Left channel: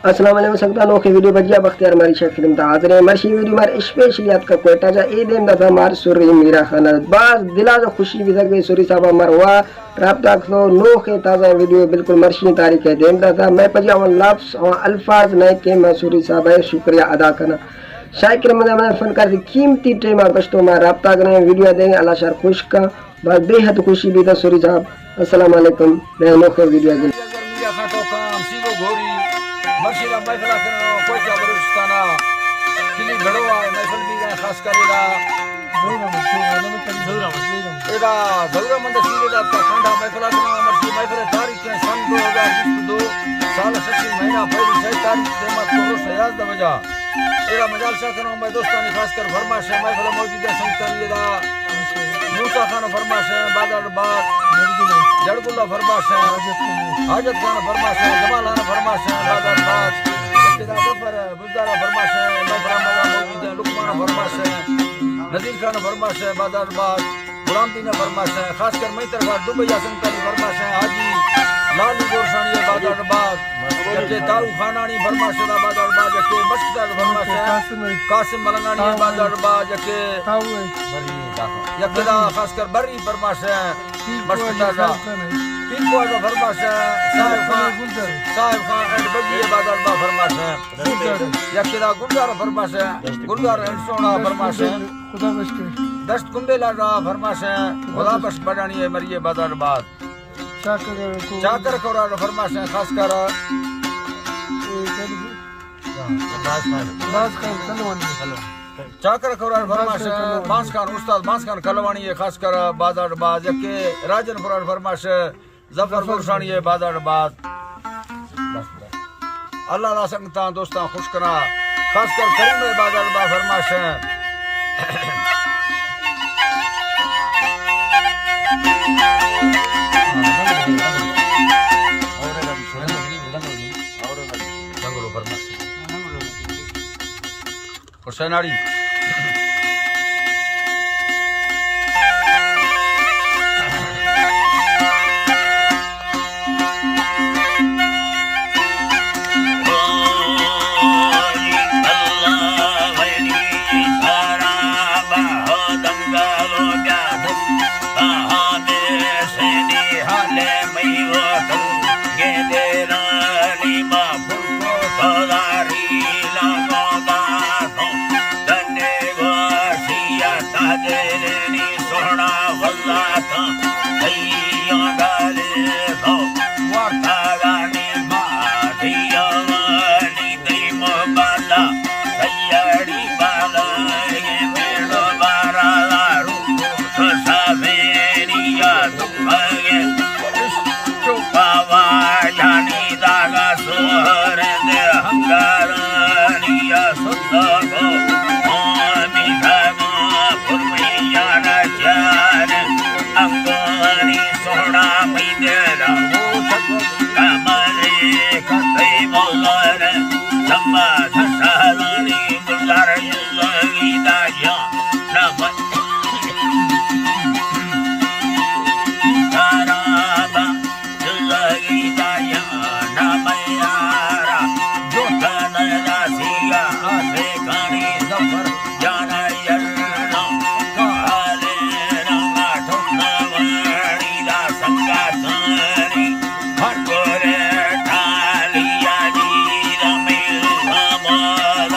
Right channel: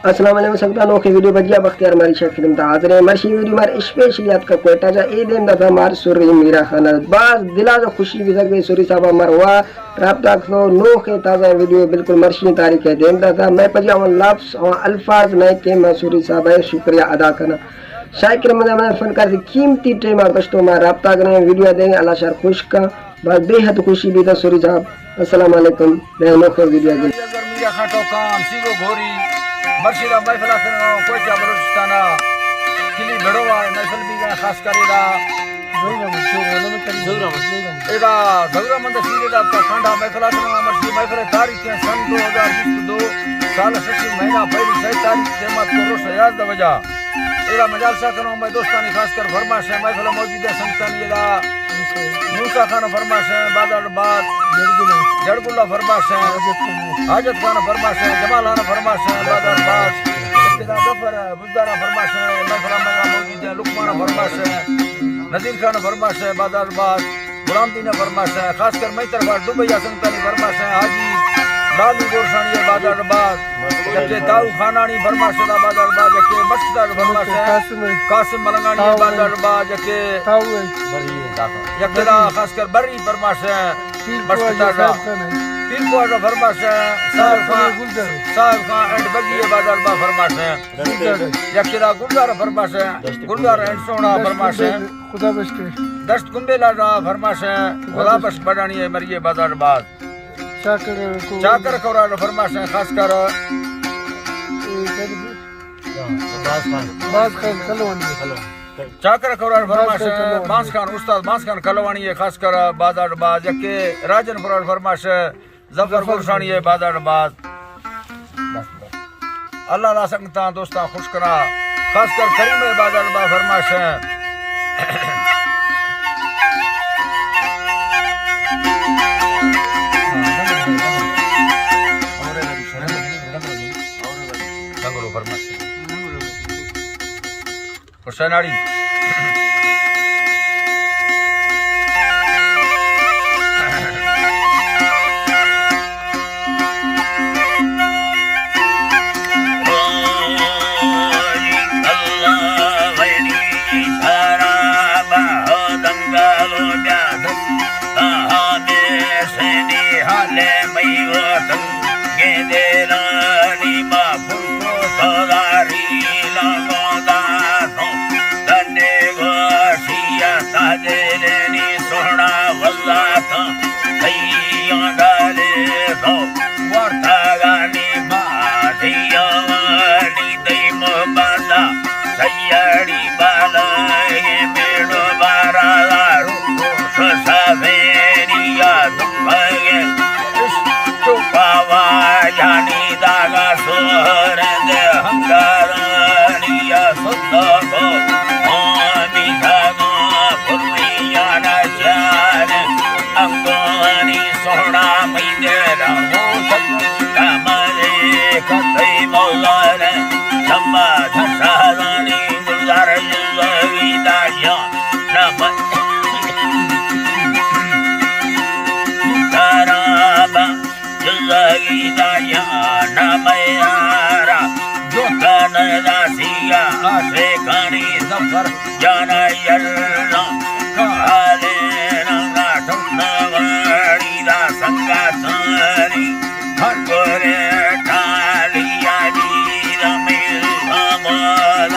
अस्सलाम वालेकुम सबका अनोखी वीडियो बजिया बख्तियार हमारी शेख खिदमत हाजिर है। मर्शी वीडियो मार स्पेशलियत का कोयटा जा ए देम दफा मार सुरी मीरा खाना बास दिला जो खुशी भी सके सुरी साहब मर हुआ राब्ता खो नोखे ताज़ा वीडियो बिल्कुल मर्शी तारीख है देम दफा मैं पजिया उन लफ्ज़ और अल्फाज नहीं के मैं सुरी साहब है शुक्रिया अदा करना शायक रमजान फनकार की कीमती टेमा गश्तों में राब्ता करें वीडियो देंगे अल्लाह शर खुश का बस बेहद खुशी भी था सुरी साहब। अस्सलाम वालेकुम अनोखे वीडियो मीरा खाटो कान सीबो घोरी मर्शिदा महफिल करनो कोयटा बलूचिस्ताना किली बड़वा महफिल भी खास करेगा एदा दौरा मंद सीरे दा कांडा महफिल करनो मर्शी महफिल तारीख है सन 2022 साल 80 महीना पहली 6 तारीख से मत को रोश याद द वजह एदा मजालसा करनो मैं दोस्तानी खास कर फरमाश है महफिल मौजूद है संतानी दा मूसा खान फरमाश है बादल बात जड़गुल्ला फरमाश है हाजत खान फरमाश है जमाल खान फरमाश है बादल बात इब्तिदा जफर बुज़दारा फरमाश है महफिल में मौजूद है लुकमान फरमाश है नजीर खान फरमाश है बादल बात गुलाम दीन फरमाश है खासकर मई तरफ दुबई संतानी फरमाश है हाजी लालू गोरसानी है बादल बात जके ताऊ खानानी फरमाश है बादल बात जके मस्कदार फरमाश है कासिम मलंगानी है बादल बात जके यकेदा खासकर बरी फरमाश है मस्कदार पीर को फरमाश है साहिब खान एंड बगी बादल बा फरमाश है यकेदा गुलजार फरमाश है गुलजार एंड सोना फरमाश है दस्त कुंबेला फरमाश है खुदा बख्श बढ़ानी है मरिए बादल बात चाकर कोरा फरमाश है खासकर चाकर कोरार फरमाश है बांस खान उस्ताद बांस खान कलवानी है खासकर बादल बात जके राजन फरार फरमाश है जफर गुरसानी है बादल बात अल्लाह ला संगता दोस्तां खुश करा खासकर करीम बादल बा फरमाश है हुसैनाड़ी सोना वल्ला था गाले तो वार्ता गानी बाधिया नी दई मोबादा सैयाड़ी बाला ये मेलो बारा रुको सवेरिया दुखाए तो पावा जानी दागा सोर दे हंगारानिया सुल्ला जाना यल्ला काले रंगा ठोकवाड़ी दा संगातानी हर गोरे ठालिया जी रमेल अमल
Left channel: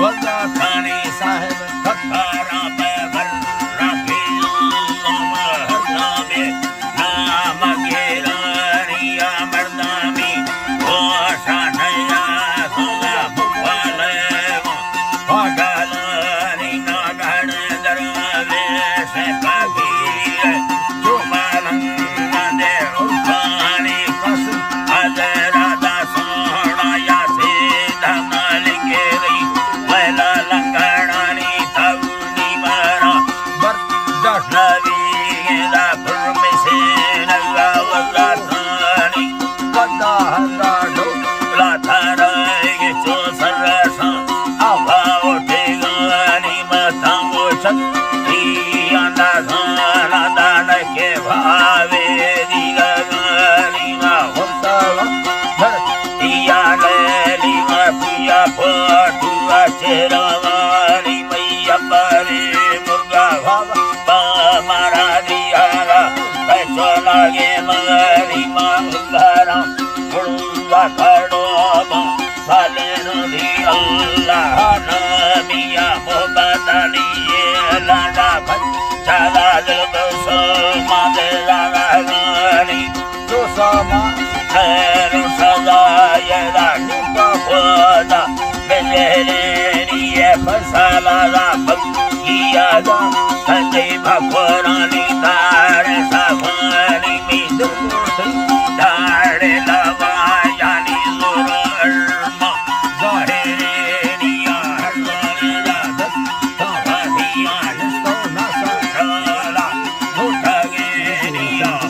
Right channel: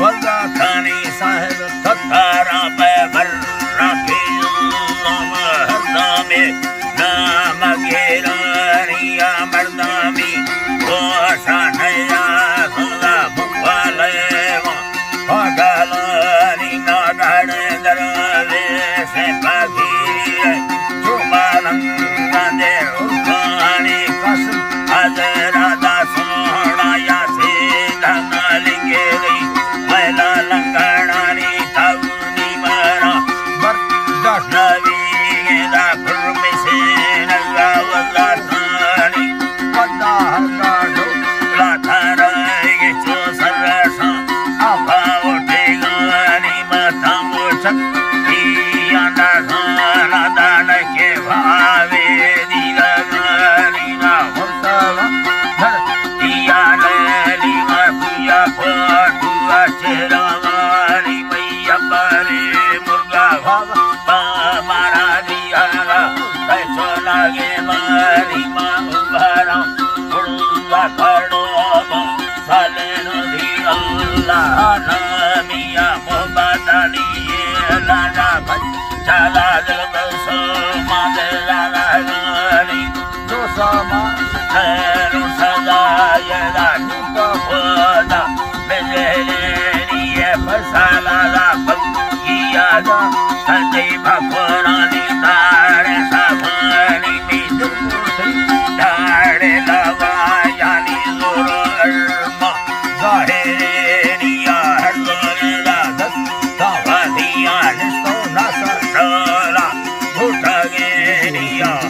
वल्ला थानी साहिब थकारा पे भर रखे हरदा में नाम गेरानिया मर्दा में ओशा नया सुला मुफाले पागल ચેરવાની મૈયા પરે મુર્ગા વાવા મારા દિયાલા કચો લાગે મારી માં ઉભારા મુર્ગા ખાડો સાલે નદી અલ્લાહ મિયા મોબાદાની લાડા ચાલા દસો માદે લાગાની દોસામાં સદાયલા નિપોદા બેલેની ફસાલા પગિયા સદૈ ભગવાની તાર સભાની મિદુ દાડે લવાયાની જોરમા જાહેરિયા હરદોલા દસ વાધિયા નિસ્તો નાસા ડલા ભૂટગેરિયા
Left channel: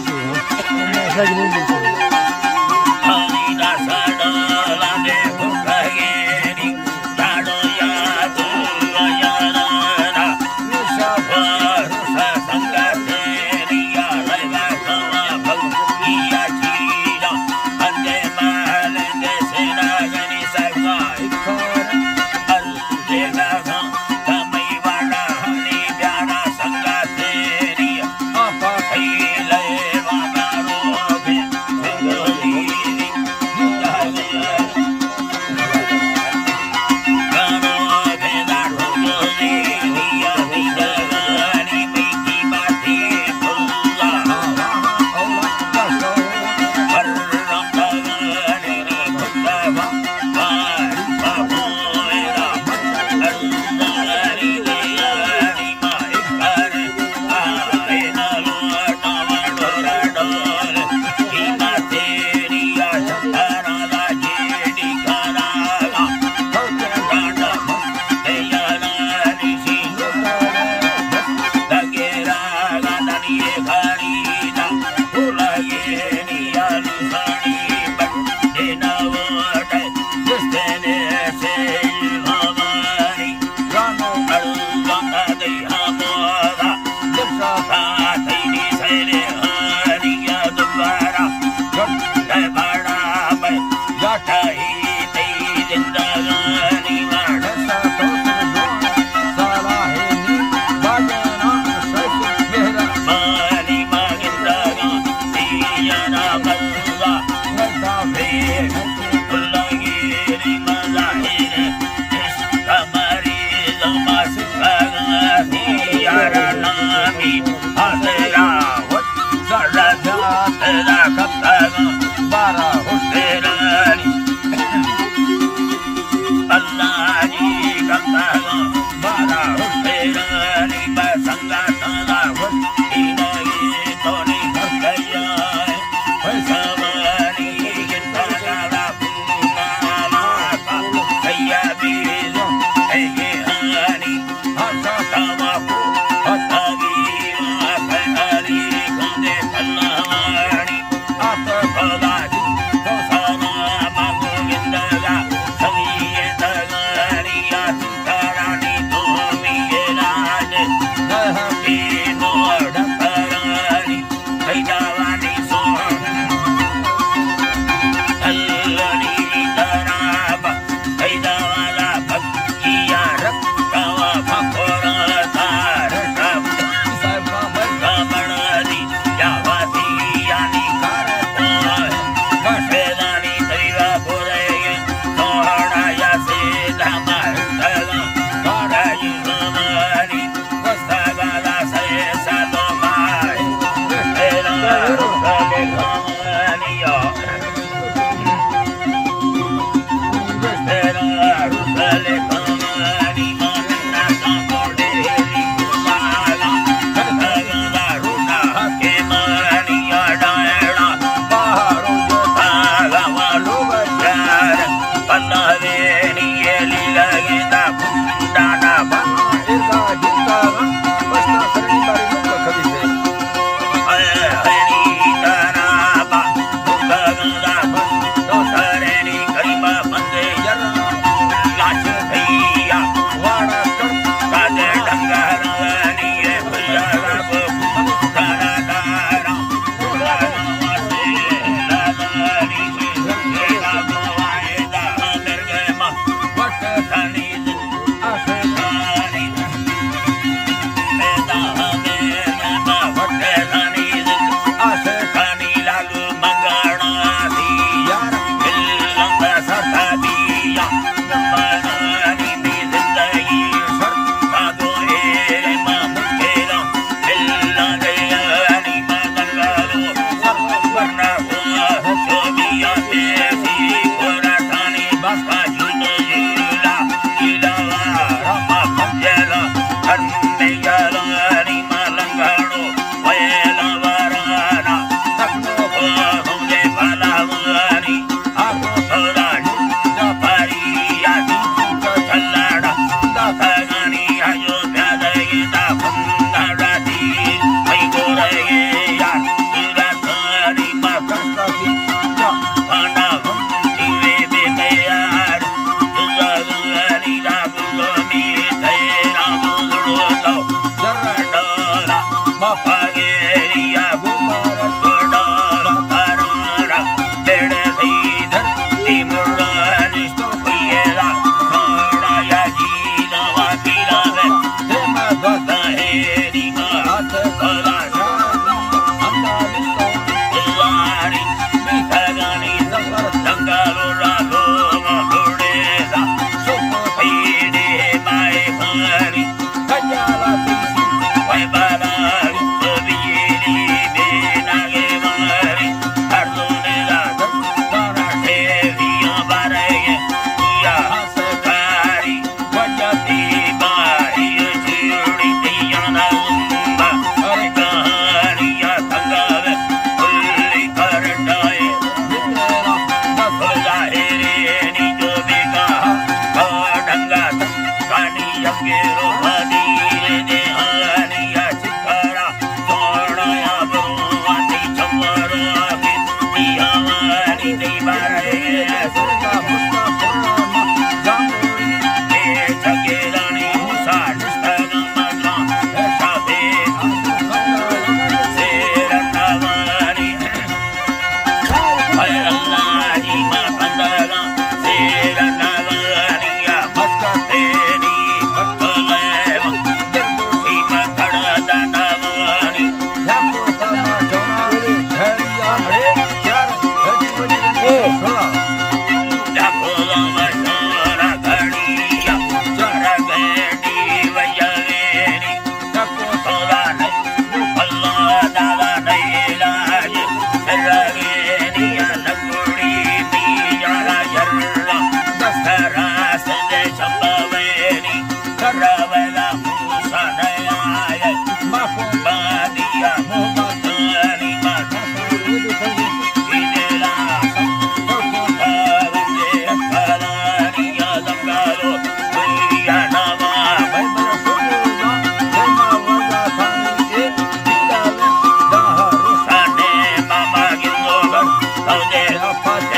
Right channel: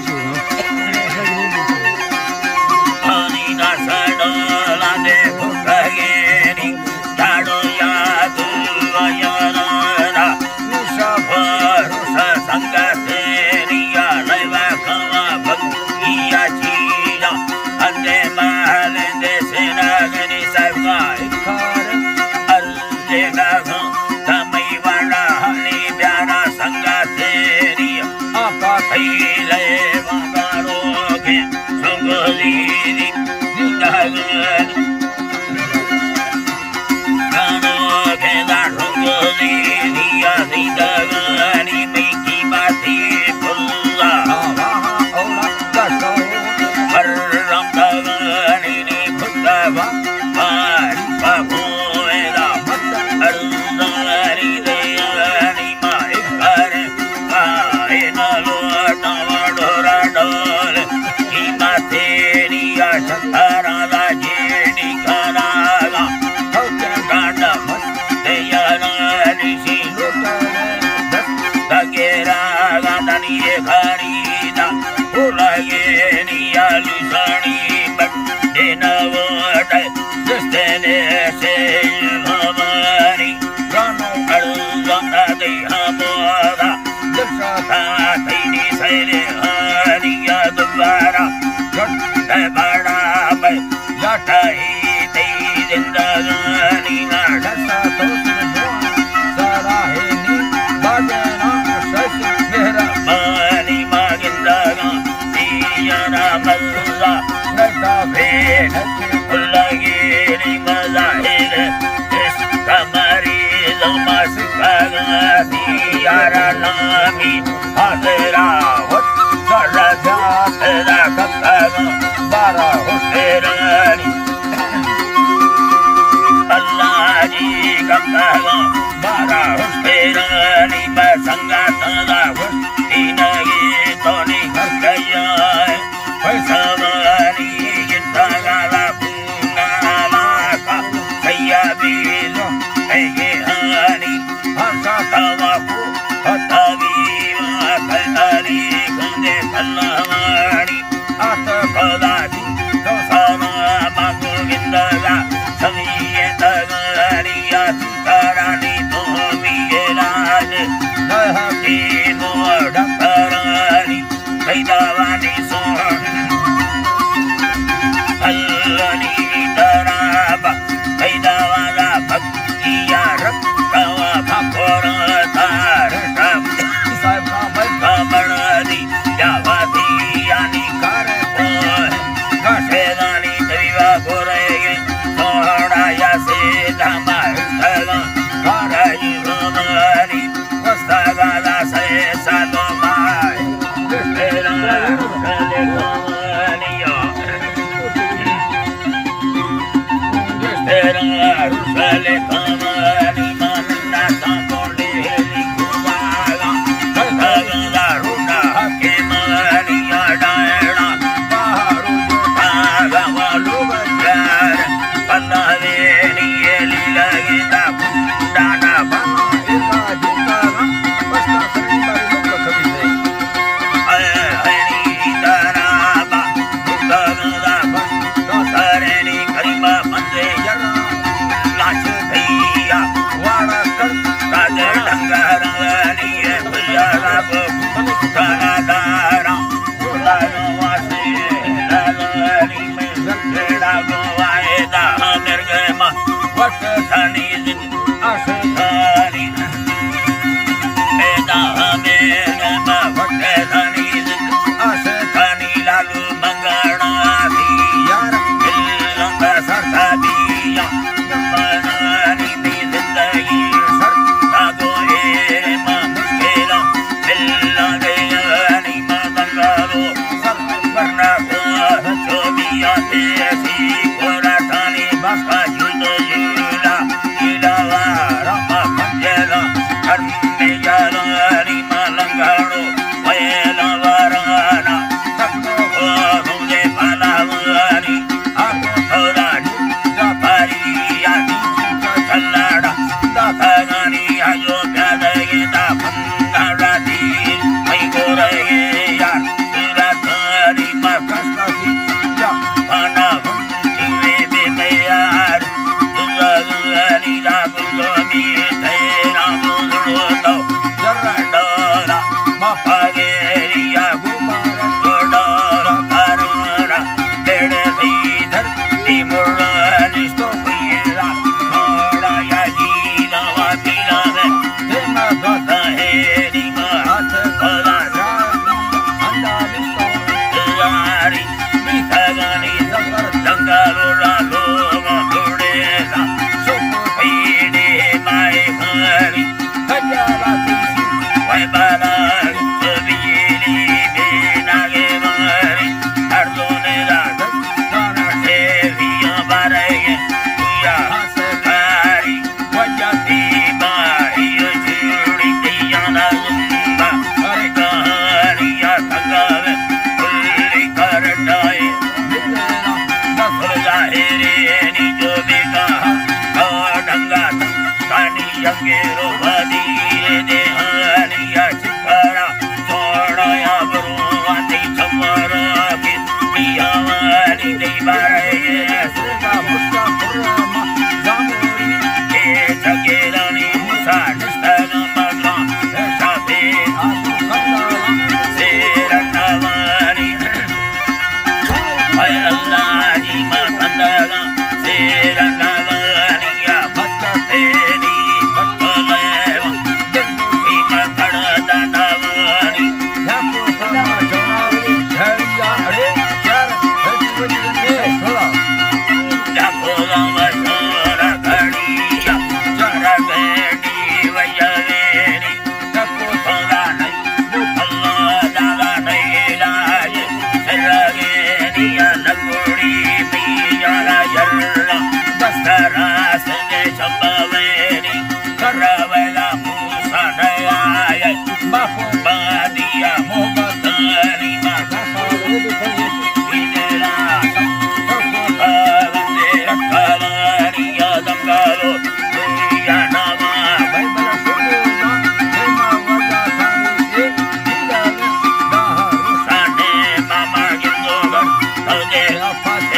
હરીના સડલા દે ભૂટગેરી જાડો યાદ વયાના નિશભરુષ સંગતેરિયા લેવા કવા ભગિયા ચીરા અંજે માલે દે સેનાગની સાહેબા ખર અરજે નાગા તમઈ વાડા હની પ્યારા સંગતેરિયા આપા થઈલે વાગારો કે સંગલીરી દિંડાગની ગાનો કે ગાઢોગલીરી દિંડાગની મેકી બાતી પુલ્લા ઓલા કાટો પરરમદગની ભુતવા પારી પાગોએલા અરુંદરી દેયની માં એકરે પાએ નલોટા વડોરા ડોલે ઈ માતેરિયા શંકરાલા જેડી કરાગા ખોકે ગાંડા મત દેયની સી દગેરા ગાંડાની ખરીદા ઉલાયેની આલિસાણી બટ્ટે નવડે જસ્તને સે ભવાની ગાનો અળગા દે હમોદા દર્શા થઈની સૈરે હરિયા દ્વારા જટ બડા બે જાટાઈ તઈ જિંદગાની માં ઢસા તો જોવા સારા હેની બાજના સસ મેરા માની માગિંદગા તિયાના મલ્લા નટા ભેટ ઉલ્લાગીરી મઝાહિર કમરી દમાસ ભાગતી યારા નામી હાજરા સારા જાત તેરા કપ્તાગા બારા તેરાની અલ્લાહજી કપ્તાગા બારા તેરાની બસંગા તગા ઇનગી તોની હરકયા સવાની ગીતગાલા પુંગાલા કા સૈયાબીજો એગે હાની હસા તવાપુ હતવી વાતરી કંદે કલ્લાવાણી આત કદાજી દોસાના માગો ગિંદગા સમીએ તગરિયા તુકારાની તોમીએ લાજ નહકી મોઢકરાની સૈદાવાની સોહન અલ્લની તરાબા સૈદાવાલા ભક્તિયા રક્તવા ભકોર તાર સાહેબ કા મલ કમળની જાવાથી યાની કારે કાઠેદાની તરીવા બોરેગે સોહડાયા સે ધામા હેઠલા કારાઈ ભવાની વસ્તાગાલા સે સાલો માય તેરા કલે કમલિયા તેરા કલે કમલી મનના સામોડે નિકુવાલા કગલા રૂડા હકે મનિયા ડાયડા બહારો પાગવા લોગયાર પલ્લવેની લીલગીતા કુંડાના બાના એકા દીકારા બસના સરની બારી નુક ખબી છે હરી તરાબા ભૂતગલા ભન તો સરેની કરીબા મંદે જરા લાશ થઈયા વાડા કર કાજે ઢંગારવાની ભૈયા રાગો કાના દારા લાલવાસે લાલની સે જલગેડા ગોવાએ દા મિર્ગમાં वट धनी आसे धनी बेदा बेन वट धनी आसे धनी लालू मंगणा यार दिलंग सरता दिया मनानी दी जिंदगी सर तागो ए मुकेला दिल्ला दे यानी मंगलो सर वरना को चोबिया देसी कोरा थानी बसका जुद जुला इलावा रमा पंजेला हरमेयालानी मलंगाड़ो वयला वराना तकनो को रोले पालावानी आको थोड़ा जापारी यानी चलाड़ा दाखानी आजो प्यादे दा पंगाराती मई गोरे यार सुरातानी कस्तासी जा पाना तुवे बे तैयार तुझानी दा गुलोमी तेरा गुलो जरा डोला मफागेरिया गुमार डोला करोड़ा तेरे सीधर तिमुरानी तो कोयला थोड़ा या गीना वा पीला है हे मैं गद हेरी मा हाथ खोला जा अंडा बिस्तो जारी बिथगानी सफर दंगालोला लोगा लोड़ेला सोको पीड़े माए हरी कयाला तीसी वह बाला बिजली बेनागे मारी हर दोने रात दाना ठेरिया बारेगे या हंसकारी वजती बारी जुड़ी दिया ना गुम्बा अरे कहानिया थंगावे खुली कर डाए मेरा दस जाहिरे नी जो बेगा ढंगा कानी यंगे रोबदी दे हनिया चिकरा सोड़या बरुवाती चमरो के पियावानी दे बारे सेगा मुस्ता पुरमा जामुरी ए जगेरानी मुसा निस्तग मगला शाफे आसु कंदा सेरनवानी ay Allah ji ma kandaga seranavani ya maskateni pattaleva jaggi ma khada danavani याको समा जोनावरी धैर्या अरे यार हरी वजनी थोड़ा jakola vajora gadiya jara bedi vajaveni याको thoda nai Allah dala nai laaj sarageni ya naguri miyara jarra dasara sende chambaveni karavela musa naya बाफो badia mohatani ma idela avande akalani ya dangalo ya nama Bible सुनूला हेमा वजा थाई ए दिलावे दाह sane mama gilgogar saude या फाते